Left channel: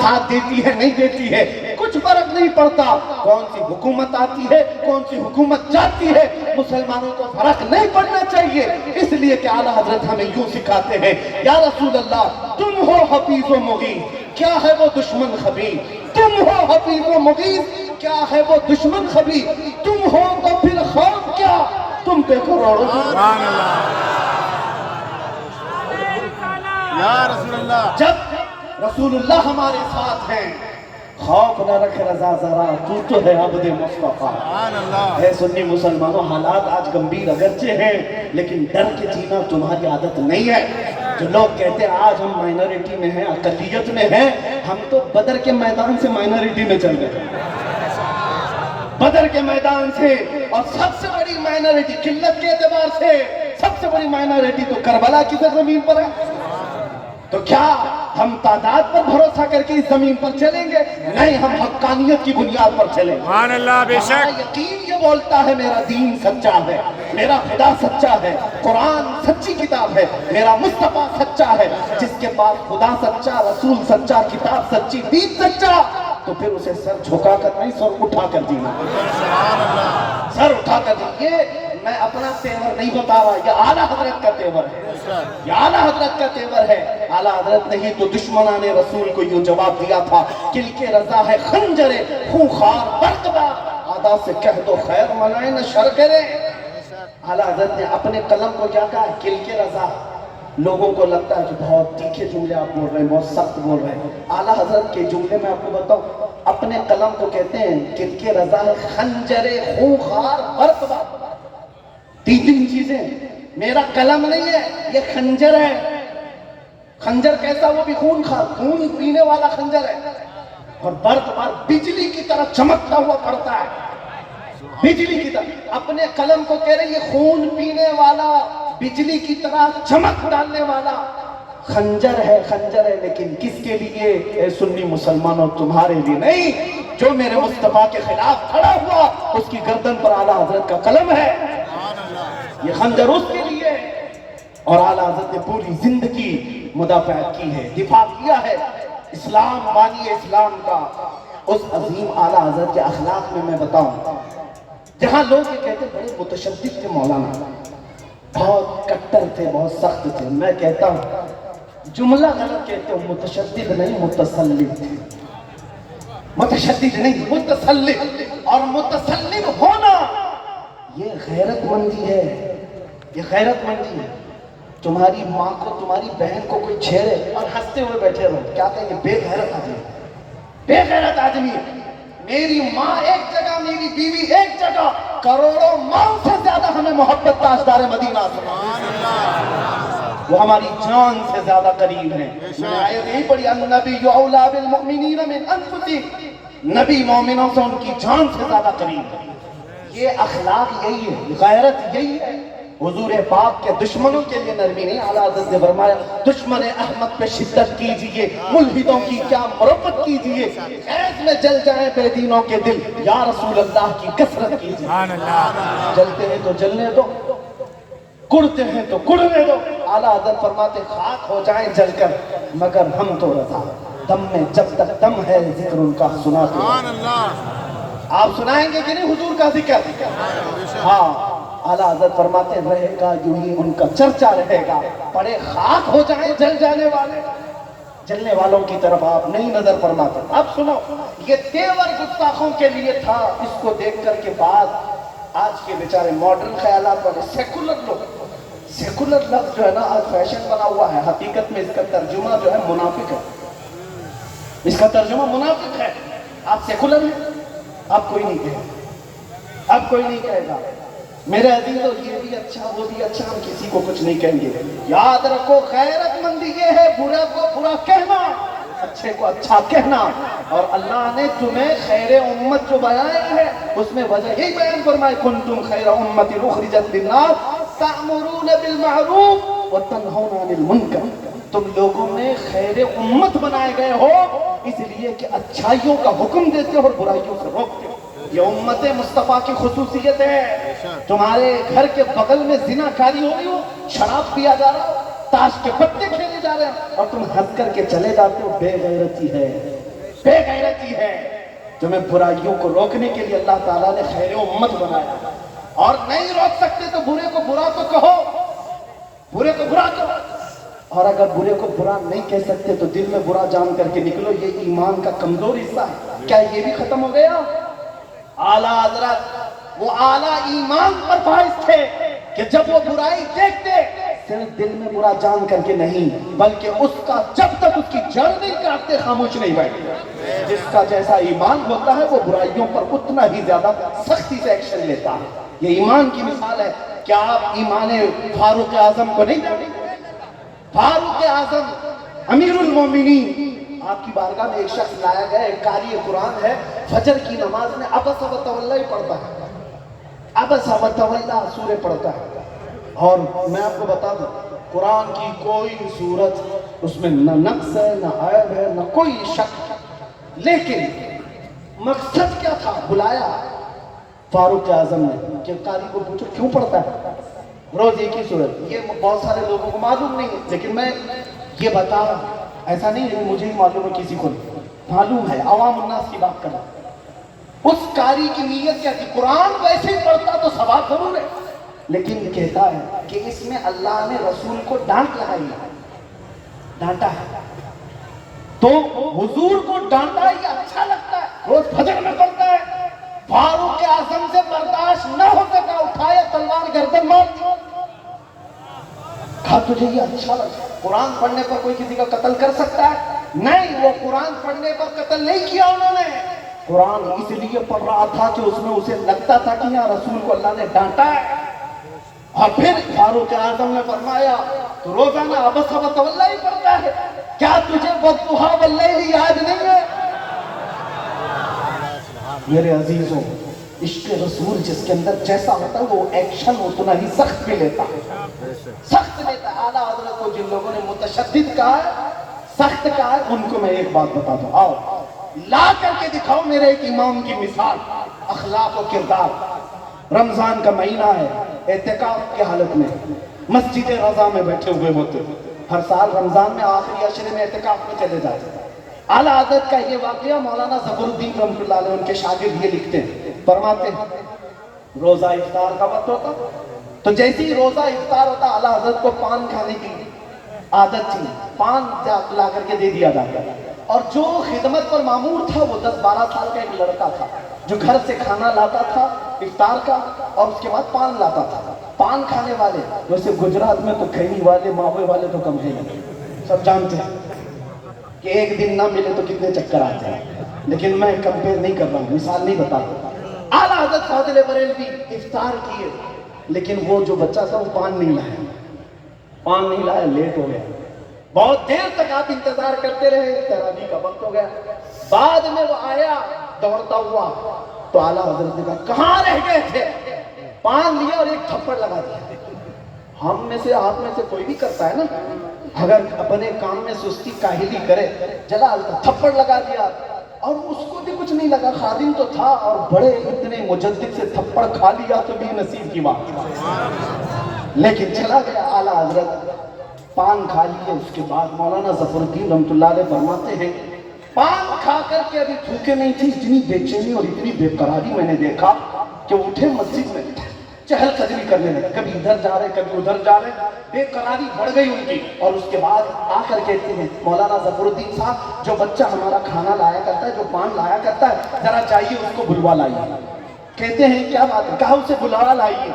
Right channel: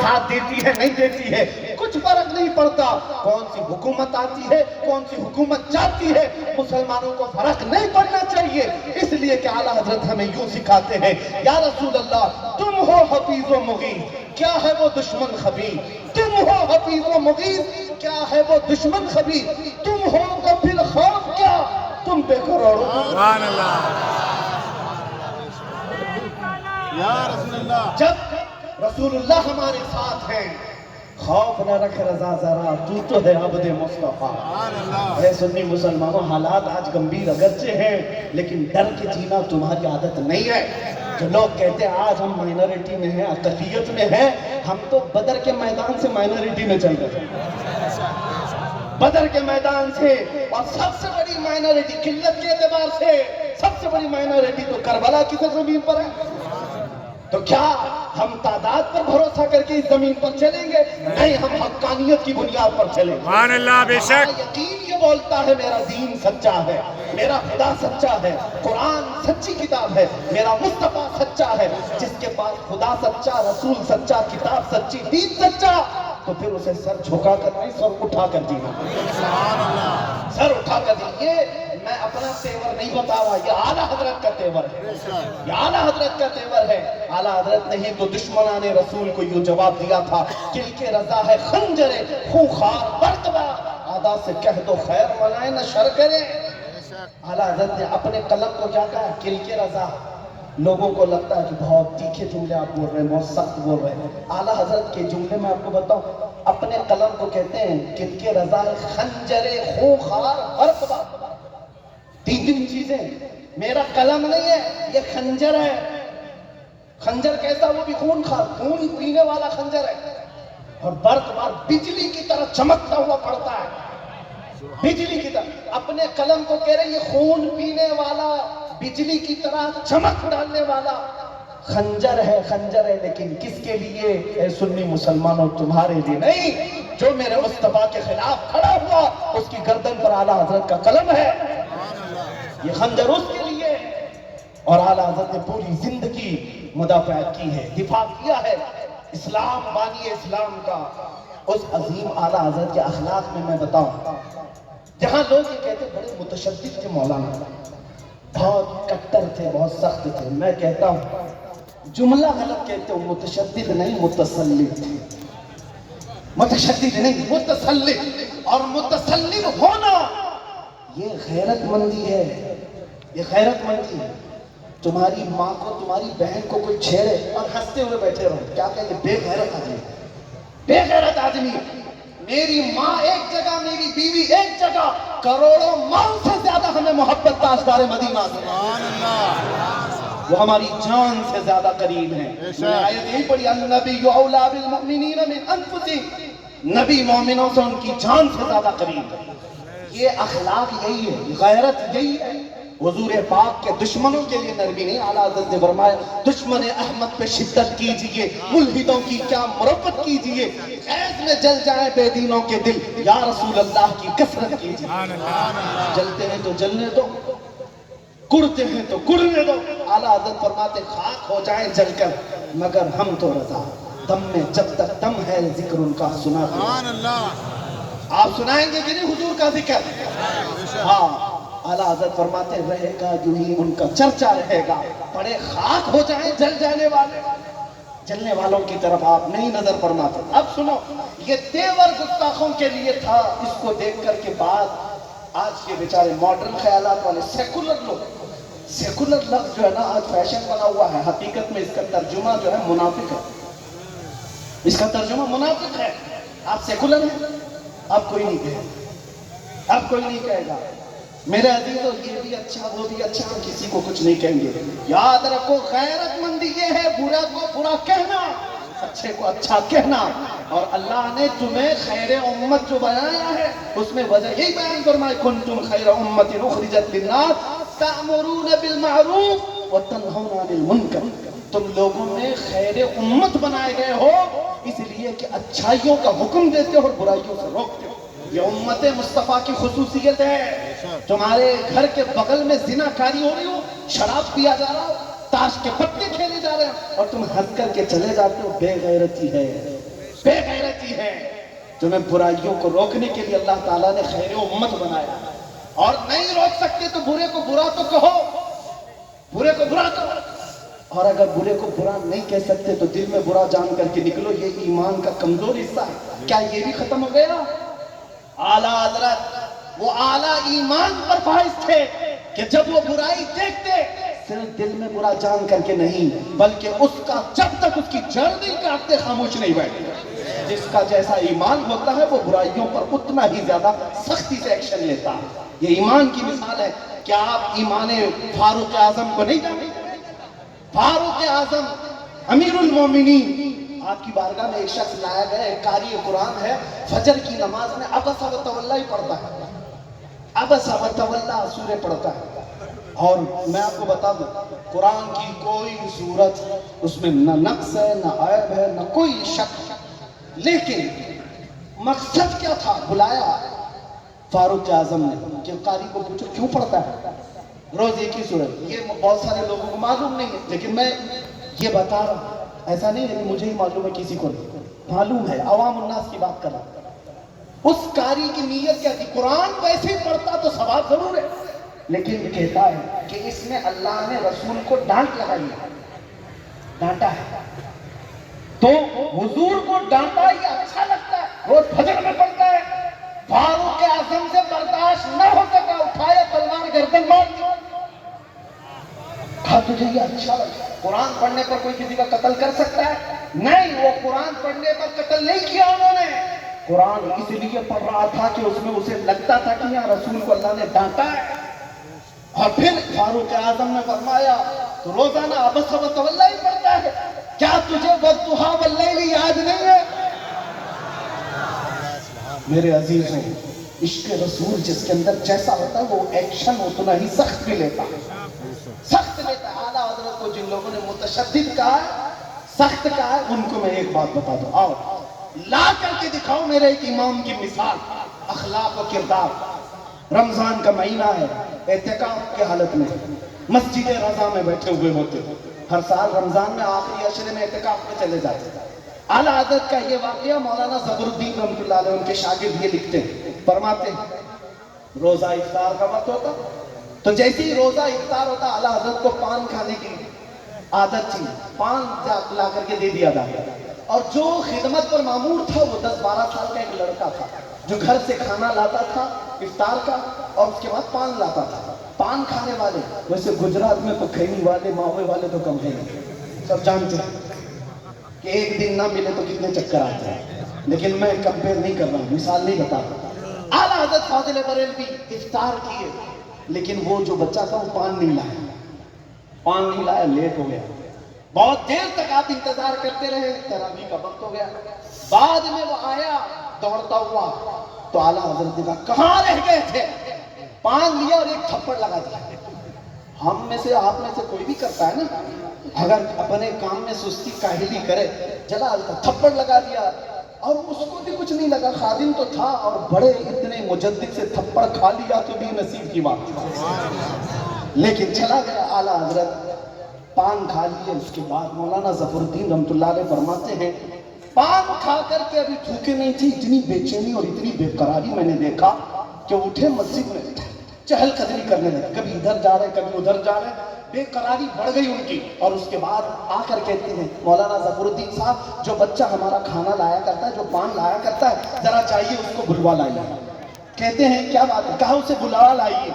ساتھ دیتی ہے نہیں دیتی ہے کچھ فرق نہیں پڑتا، کون سی حکومت آتی ہے کون سی حکومت جاتی ہے، مسلمانوں کو فرق نہیں پڑنا چاہیے، اس لیے کہ اعلیٰ حضرت ہمیں یوں سکھاتے ہیں، یا رسول اللہ تم ہو حفیظ و مغیث، کیا ہے وہ دشمن خبیر، تم ہو حفیظ و مغیث، کیا ہے وہ دشمن خبیر، تم ہو تو پھر خوف کیا، تم پہ کروڑوں سبحان اللہ یا رسول اللہ۔ جب رسول اللہ ہمارے ساتھ ہیں، خوف نہ رکھ رضا ذرا، تو ہے عبد مصطفیٰ۔ سبحان اللہ۔ اے سنی مسلمانوں، حالات آج گمبھیر اگرچہ ہیں لیکن ڈر کے جینا تمہاری عادت نہیں ہے۔ جو لوگ کہتے ہیں آج ہم مائنورٹی میں ہیں، اقلیت میں ہیں، ہم تو بدر کے میدان سے مائنورٹی میں چل گئے، بدر کے میدان سے، اور سب سے بڑی مائنورٹی قلت کے اعتبار سے سب سے بڑی مائنورٹی تو کربلا کی زمین پر ہے۔ تو کیا ہم تعداد پر بھروسہ کر کے اس زمین پر چلیں گے؟ نہیں، ہم حقانیت کی بنیاد پر چلیں گے۔ سبحان اللہ، بے شک۔ ہمارا یقین یہ بولتا ہے میرا دین سچا ہے، میرا خدا سچا ہے، قرآن سچی کتاب ہے، میرا مصطفیٰ سچا ہے۔ جس کے پاس خدا سچا، رسول سچا، کتاب سچی، دین سچا، تو پھر اسے سر جھکا کر نہیں، سر اٹھا کر جینا، سر اٹھا کر جینا۔ میں اپنا تیور نہیں بتا رہا، یہ اعلیٰ حضرت کا تیور ہے، یہ اعلیٰ حضرت کا تیور ہے۔ اعلیٰ حضرت نے ہی تو دشمنان رسول کو یوں جواب دیا تھا، کل کے رضا ہے خنجر خونخوار برقبہ، آدھا سے کہہ دو خیر منائے نہ شر کرے۔ اعلیٰ حضرت نے اپنے قلم کو کیا کہا ہے؟ کل کے رضا۔ لوگوں کو لگتا ہے کہ بہت تیکھے جملے آپ بول رہے ہیں، بہت سخت بول رہے ہیں۔ اعلیٰ حضرت کے جملے میں آپ کو بتاؤں، اپنے قلم کو کہتے ہیں کل کے رضا ہے خنجر خونخوار برقبہ۔ تین چیزیں، میرا قلم نہیں ہے، یہ خنجر ہے۔ خنجر کیسا؟ وہ بھی خون خار، خون پینے والا خنجر ہے، اور برق بار بجلی کی طرح چمکتا ہوا پڑتا ہے، بجلی کی طرح۔ اپنے قلم کو کہہ رہے ہیں یہ خون پینے والا، بجلی کی طرح چمک ڈالنے والا خنجر ہے، خنجر ہے، لیکن کس کے لیے؟ اے سنی مسلمانوں، تمہارے لیے نہیں۔ جو میرے مصطفیٰ کے خلاف کھڑا ہوا اس کی گردن پر اعلیٰ حضرت کا قلم ہے، یہ خنجر اس کے لیے۔ اور اعلیٰ حضرت نے پوری زندگی مدافعت کی ہے، دفاع کیا ہے اسلام، بانی اسلام کا۔ اس عظیم اعلیٰ حضرت کے اخلاق میں بتاؤں، جہاں لوگ یہ کہتے بڑے متشدد تھے مولانا، بہت کٹر تھے، بہت سخت تھے، میں کہتا ہوں جملہ غلط کہتے ہو، متشدد نہیں متسلط تھے، متشدد نہیں متسلط۔ اور متسلط ہونا یہ غیرت مندی ہے، یہ غیرت مندی ہے۔ تمہاری ماں کو، تمہاری بہن کو کوئی چھیڑے اور ہنستے ہوئے بیٹھے رہو، کیا کہیں گے؟ بے غیرت آدمی، بے غیرت آدمی۔ میری ماں ایک جگہ، میری بیوی ایک جگہ، کروڑوں ماں سے زیادہ ہمیں محبت تاجدار مدینہ سے، وہ ہماری جان سے زیادہ قریب ہیں۔ میں نے آیت یہی پڑھی، النبی اولیٰ بالمؤمنین من انفسہم، نبی مومنوں سے ان کی جان سے زیادہ قریب ہے۔ یہ اخلاق یہی ہے، غیرت یہی ہے۔ حضور پاک کے دشمنوں کے لیے نرمی نہیں، اعلیٰ حضرت نے فرمایا دشمن احمد پہ شدت کیجئے، ملحدوں کی کیا مربت کیجئے، خیز میں جل جائیں بے دینوں کے دل، یا رسول اللہ کی کثرت کیجئے۔ جلتے ہیں تو جلنے دو، کڑتے ہیں تو کڑنے دو۔ اعلیٰ حضرت فرماتے خاک ہو جائیں جل کر مگر ہم تو رضا، دم میں جب تک دم ہے ذکر ان کا سناتے ہیں۔ آپ سنائیں گے کہ نہیں حضور کا ذکر؟ ہاں، اعلیٰ حضرت فرماتے رہے گا یوں ہی ان کا چرچا رہے گا، پڑے خاک ہو جائیں جل جانے والے، جلنے والوں کی طرف آپ نہیں نظر فرماتے۔ اب سنو، یہ تیور گستاخوں کے لیے تھا۔ اس کو دیکھ کر کے بعد آج کے بیچارے ماڈرن خیالات والے سیکولر لوگ، سیکولر لفظ جو ہے نا آج فیشن بنا ہوا ہے، حقیقت میں اس کا ترجمہ جو ہے منافق ہے، اس کا ترجمہ منافق ہے۔ آپ سیکولر ہیں، اب کوئی نہیں کہے گا، اب کوئی نہیں کہے گا میرے عزیزو یہ بھی اچھا وہ بھی اچھا، ہم کسی کو کچھ نہیں کہیں گے۔ یاد رکھو غیرت مندی یہ ہے برا کو برا کہنا، اچھے کو اچھا کہنا۔ اور اللہ نے تمہیں خیر امت جو بنایا ہے اس میں وجہ یہی بیان فرمائے، کنتم خیر امت اخرجت للناس تأمرون بالمعروف وتنہون عن المنکر، تم لوگوں نے خیر امت بنائے گئے ہو اس لیے کہ اچھائیوں کا حکم دیتے ہو اور برائیوں سے روکتے ہو۔ یہ امت مصطفیٰ کی خصوصیت ہے۔ تمہارے گھر کے بغل میں زنا کاری ہو رہی ہو، شراب پیا جا رہا ہو، تاش کے پتے کھیلے جا رہے ہیں اور تم ہنس کر کے چلے جاتے ہو، بے غیرتی ہے۔ بے غیرتی ہے. تمہیں برائیوں کو روکنے کے لیے اللہ تعالیٰ نے خیر امت بنایا, اور نہیں روک سکتے تو برے کو برا تو کہو, برے کو برا کہو, اور اگر برے کو برا نہیں کہہ سکتے تو دل میں برا جان کر کے نکلو, یہ ایمان کا کمزور حصہ ہے. کیا یہ بھی ختم ہو گیا؟ اعلیٰ حضرت وہ اعلیٰ ایمان پر فائز تھے کہ جب وہ برائی دیکھتے صرف دل میں برا جان کر کے نہیں, بلکہ اس کا جب تک اس کی جڑ نہیں کاٹتے خاموش نہیں بیٹھتے. جس کا جیسا ایمان ہوتا ہے وہ برائیوں پر اتنا ہی زیادہ سختی سے ایکشن لیتا ہے. یہ ایمان کی مثال ہے. کیا آپ ایمان فاروق اعظم کو نہیں جانتے؟ فاروق اعظم امیر المومنین, آپ کی بارگاہ میں ایک شخص لایا گیا, ایک قاری قرآن ہے, فجر کی نماز میں عبس و تولی پڑھتا ہے, عبس و تولی سورہ پڑھتا ہے. اور میں آپ کو بتا دوں قرآن کی کوئی صورت اس میں نہ نقص ہے, نہ عیب ہے, نہ کوئی شک, لیکن مقصد کیا تھا؟ بلایا فاروق اعظم نے کہ قاری کو پوچھو کیوں پڑھتا ہے روز ایک ہی صورت. یہ بہت سارے لوگوں کو معلوم نہیں ہے, لیکن میں یہ بتا رہا ہوں, ایسا نہیں ہے مجھے ہی معلوم ہے, کسی کو نہیں معلوم ہے, عوام الناس کی بات کر رہا ہوں. اس قاری کی نیت کیا تھی؟ قرآن ویسے ہی پڑھتا تو ثواب ضرور ہے, لیکن کہتا ہے کہ اس میں اللہ نے رسول کو ڈانٹ لگائی ہے, ڈانٹا ہے, تو حضور کو ڈانٹا یہ اچھا لگتا ہے, روز فجر میں پڑھتا ہے. فاروق اعظم سے برداشت نہ ہو سکا, اٹھایا تلوار گردن مار دی. کہا تجھے یہ اچھا لگتا ہے؟ قرآن پڑھنے پر کوئی کسی کا قتل کر سکتا ہے؟ نہیں, وہ قرآن پڑھنے پر قتل نہیں کیا انہوں نے, قرآن اس لیے پڑھ رہا تھا کہ اس میں اسے لگتا تھا کہ یہاں رسول کو اللہ نے ڈانٹا ہے. اور پھر فاروق اعظم نے فرمایا تو روزانہ عبس و تولی پڑھتا ہے, کیا تجھے والضحیٰ واللیل یاد نہیں ہے؟ میرے عزیزوں, عشق رسول جس کے اندر جیسا ہوتا ہے وہ ایکشن اتنا ہی سخت بھی لیتا ہے, سخت لیتا ہے. اعلیٰ حضرت کو جن لوگوں نے متشدد کہا ہے, سخت کہا ہے, ان کو میں ایک بات بتا دوں, آؤ لا کر کے دکھاؤ میرے ایک امام کی مثال, اخلاق و کردار. رمضان کا مہینہ ہے, اعتکاف کی حالت میں مسجد رضا میں بیٹھے ہوئے ہوتے, ہر سال رمضان میں آخری عشرے میں اعتکاف میں چلے جاتے. اعلیٰ حضرت کا یہ واقعہ مولانا ظفر الدین رحمۃ اللہ علیہ ان کے شاگرد یہ لکھتے ہیں, فرماتے ہیں روزہ افطار کا وقت ہوتا تو جیسے ہی روزہ افطار ہوتا اعلیٰ حضرت کو پان کھانے کی عادت تھی, پان لا کر کے دے دیا جاتا. اور جو خدمت پر مامور تھا وہ 10-12 سال کا ایک لڑکا تھا جو گھر سے کھانا لاتا تھا افطار کا, اور اس کے بعد پان لاتا تھا. پان کھانے والے ویسے گجرات میں تو کھینی والے ماوے والے تو کم ہے, سب جانتے ہیں کہ ایک دن نہ ملے تو کتنے چکر آتے ہیں, لیکن میں کمپیئر نہیں کر رہا ہوں, مثال نہیں بتا رہا. اعلیٰ حضرت فاضل بریلوی افطار کیے, لیکن وہ جو بچہ تھا وہ پان نہیں لایا, پان نہیں لایا, لیٹ ہو گیا. بہت دیر تک آپ انتظار کرتے رہے, تراویح کا وقت ہو گیا. بعد میں وہ آیا دوڑتا ہوا تو اعلیٰ حضرت نے کہا کہاں رہ گئے تھے؟ پان لیا اور ایک تھپڑ لگا دیا. ہم میں سے آپ میں سے کوئی بھی کرتا ہے نا, اگر اپنے کام میں سستی کاہلی کرے, جگہ تھپڑ لگا دیا, اور اس کو بھی کچھ نہیں لگا, خادم تو تھا, اور بڑے اتنے مجدد سے تھپڑ کھا لیا تو بھی نصیب کی بات, لیکن چلا گیا. اعلیٰ حضرت پان کھا لیے, اس کے بعد مولانا ظفر الدین رحمۃ اللہ علیہ فرماتے ہیں پان کھا کر کے ابھی تھوکے نہیں تھی, اتنی بے چینی اور اتنی بے قراری میں نے دیکھا کہ اٹھے مسجد میں چہل قدمی کرنے لگے, کبھی ادھر جا رہے کبھی ادھر جا رہے, بے قراری بڑھ گئی ان کی. اور اس کے بعد آ کر کہتے ہیں مولانا ظفر الدین صاحب, جو بچہ ہمارا کھانا لایا کرتا ہے, جو پان لایا کرتا ہے, ذرا چاہیے اس کو بلوا لائیے. کہتے ہیں کیا بات ہے؟ کہا اسے بلاوا لائیے.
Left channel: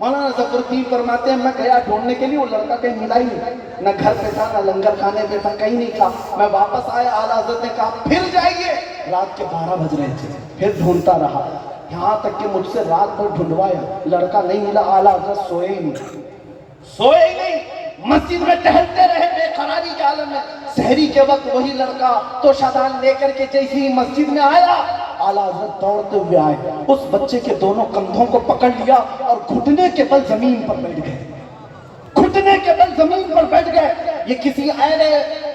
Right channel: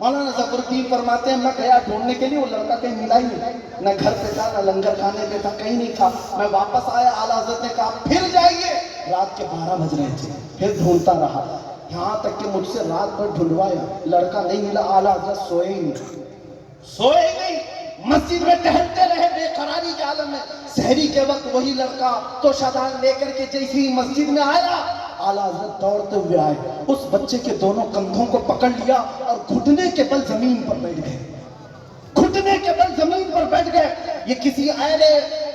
مولانا ظفر الدین فرماتے ہیں میں گیا ڈھونڈنے کے لیے, وہ لڑکا کہیں ملا ہی نہیں, نہ گھر پہ تھا نہ لنگر کھانے پہ تھا, کہیں نہیں تھا. میں واپس آیا, اعلیٰ حضرت نے کہا پھر جائیے. رات کے 12 بج رہے تھے, پھر ڈھونڈتا رہا, یہاں تک کہ مجھ سے رات بھر ڈھونڈوایا, لڑکا نہیں ملا. اعلیٰ حضرت سوئے ہی نہیں, مسجد میں ٹہلتے رہے بے قراری کے عالم میں. سحری کے وقت وہی لڑکا تو شادان لے کر کے جیسے ہی مسجد میں آیا, اعلیٰ حضرت دوڑتے ہوئے آئے, اس بچے کے دونوں کندھوں کو پکڑ لیا اور گھٹنے کے بل زمین پر بیٹھ گئے, گھٹنے کے بل زمین پر بیٹھ گئے. یہ کسی اہل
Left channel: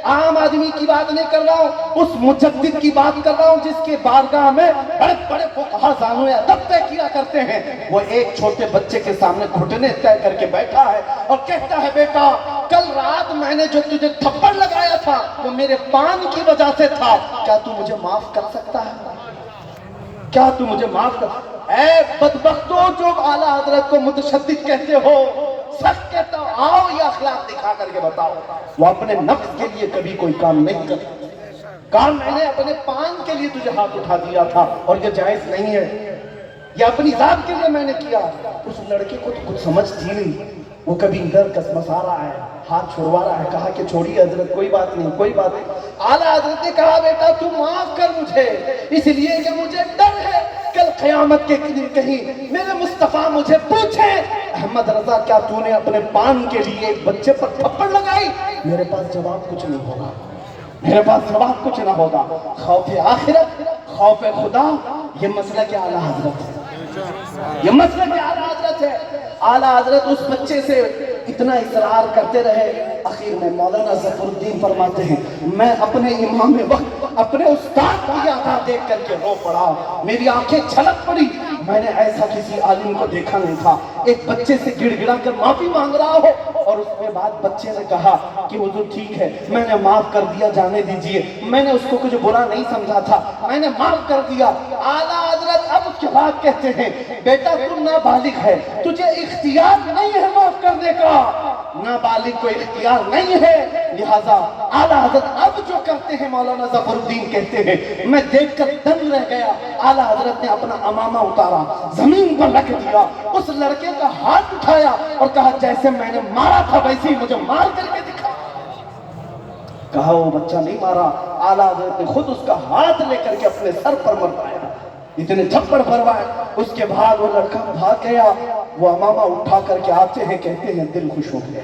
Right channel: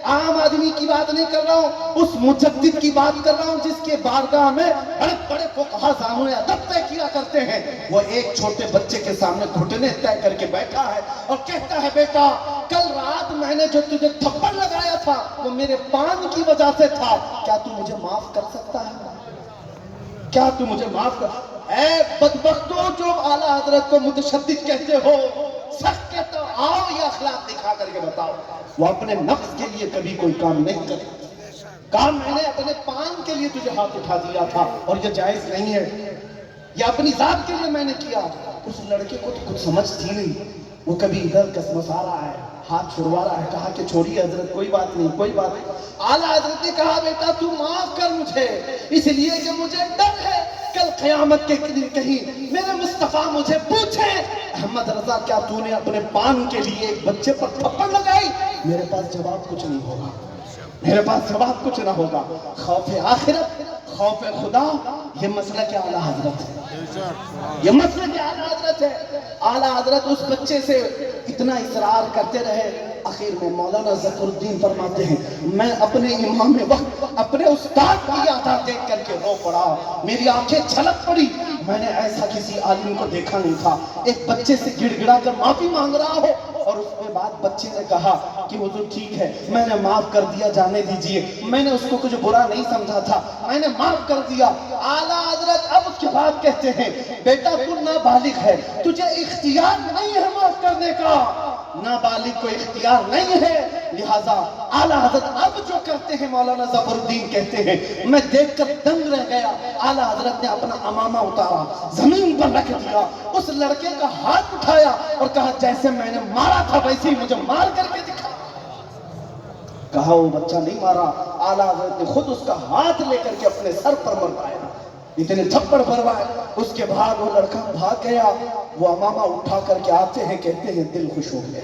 عام آدمی کی بات نہیں کر رہا ہوں، اس مجدد کی بات کر رہا ہوں جس کے بارگاہ میں بڑے بڑے فقہا زانوے ادب طے کیا کرتے ہیں۔ وہ ایک چھوٹے بچے کے سامنے گھٹنے طے کر کے بیٹھا ہے اور کہتا ہے بیٹا کل رات میں نے جو تجھے تھپڑ لگایا تھا وہ میرے پان کی وجہ سے تھا، کیا تو مجھے معاف کر سکتا ہے؟ کیا تو مجھے معاف کر؟ اے بدبختو جو اعلیٰ حضرت کو متشدد کہتے ہو، سخت کہتا ہو، آؤ یہ اخلاق دکھا کر کے بتاؤ۔ وہ اپنے نفس کے لیے کبھی کوئی کام نہیں کرتے، کہا میں نے اپنے پان کے لیے تجھے ہاتھ اٹھا دیا تھا اور یہ جائز نہیں ہے، یہ اپنی ذات کے لیے میں نے کیا۔ اس لڑکے کو تو کچھ سمجھ تھی نہیں، وہ کبھی ادھر کسمسا رہا ہے، ہاتھ چھڑوا رہا ہے، کہا کہ چھوڑیے حضرت کوئی بات نہیں کوئی بات نہیں۔ اعلیٰ حضرت نے کہا بیٹا تو معاف کر مجھے، اس لیے کہ مجھے ڈر ہے کل قیامت کے دن کہیں میرے مصطفیٰ مجھے پوچھے احمد رضا کیا تو نے اپنے پان کے لیے ایک بچے پر تھپڑ لگائی؟ میرے پاس جواب کچھ نہیں ہوگا، میرے پاس جواب کچھ نہ ہوگا۔ خوف آخرت، خوف خدا، یہ مسئلہ کیا اعلیٰ حضرت ہے، یہ مسئلہ کیا اعلیٰ حضرت ہے۔ اعلیٰ حضرت اس بچے سے اتنا اصرار کرتے رہے، آخر میں مولانا ظفر الدین فرماتے ہیں میں اپنے امام وقت اپنے استاد کی ادا دیکھ کر کے رو پڑا، میری آنکھیں چھلک پڑی، میں نے ایسا کسی عالم کو دیکھا نہیں تھا، ایک بچے سے گڑ گڑا کر معافی مانگ رہا ہو اور اس کے بعد بچے نے کہا کہ حضور ٹھیک ہے میں نے معاف کر دیا، جانے دیجئے، میں نے اس کو کچھ برا نہیں سمجھا تھا، میں نے معاف کر دیا۔ اعلیٰ حضرت اب اس کے بعد کہتے ہیں بیٹا تو نابالغ ہے، تجھے اختیار نہیں ہے معاف کرنے کا، نابالغ کو اختیار نہیں ہے، لہذا اعلیٰ حضرت اب جو کرتے ہیں مولانا ظفر الدین کہتے ہیں میں دیکھ کر دنگ رہ گیا۔ اعلیٰ حضرت نے اپنا امامہ اتارا، زمین پر رکھ دیا، اس لڑکے کا ہاتھ اٹھایا اور کہا جیسے میں نے مارا تھا ویسے ہی مجھے مار کر کے دکھا۔ کہا وہ بچہ نہیں مارا، اعلیٰ حضرت نے خود اس کا ہاتھ لے کر کے اپنے سر پر مروایا، اتنے تھپڑ بھروائے۔ اس کے بعد وہ لڑکا بھاگ گیا، وہ امامہ اٹھا کر کے آتے ہیں، کہتے ہیں دل خوش ہو گیا۔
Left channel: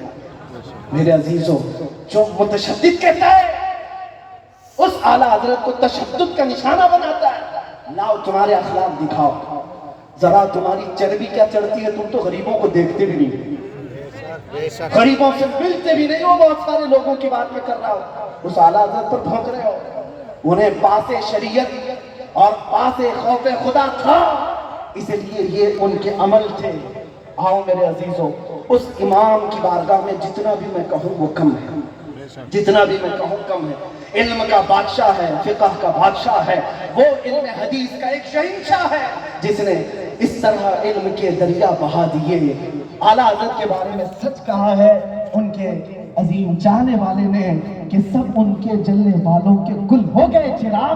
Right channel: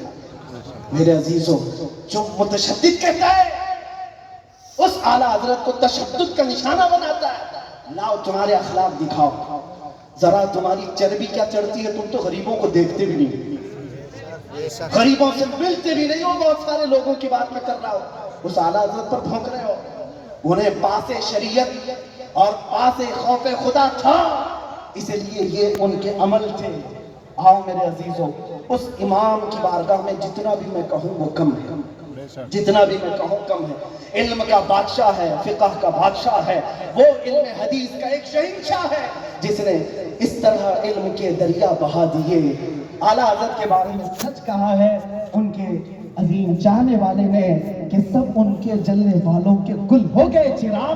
میرے عزیزوں جو متشدد کہتا ہے اس اعلیٰ حضرت کو تشدد کا نشانہ بناتا ہے۔ لاؤ تمہارے اخلاق دکھاؤ، ذرا تمہاری چربی کیا چڑھتی ہے، تم تو غریبوں کو دیکھتے بھی نہیں، غریبوں سے ملتے بھی نہیں ہو، بہت سارے لوگوں کی بات میں کر رہا ہو، اس اعلیٰ حضرت پر بھونک رہے ہو۔ انہیں پاس شریعت اور پاس خوف خدا تھا، اس لیے یہ ان کے عمل تھے۔ آؤ میرے عزیزوں اس امام کی بارگاہ میں جتنا بھی میں کہوں وہ کم ہے، جتنا بھی میں کہوں کم ہے۔ علم کا بادشاہ ہے، فقہ کا بادشاہ ہے، وہ علم حدیث کا ایک شہنشاہ ہے جس نے اس طرح علم کے دریا بہا دیے۔ اعلیٰ حضرت کے بارے میں سچ کہا ہے ان کے عظیم چاہنے والے نے کہ سب ان کے جلنے والوں کے گل ہو گئے چراغ،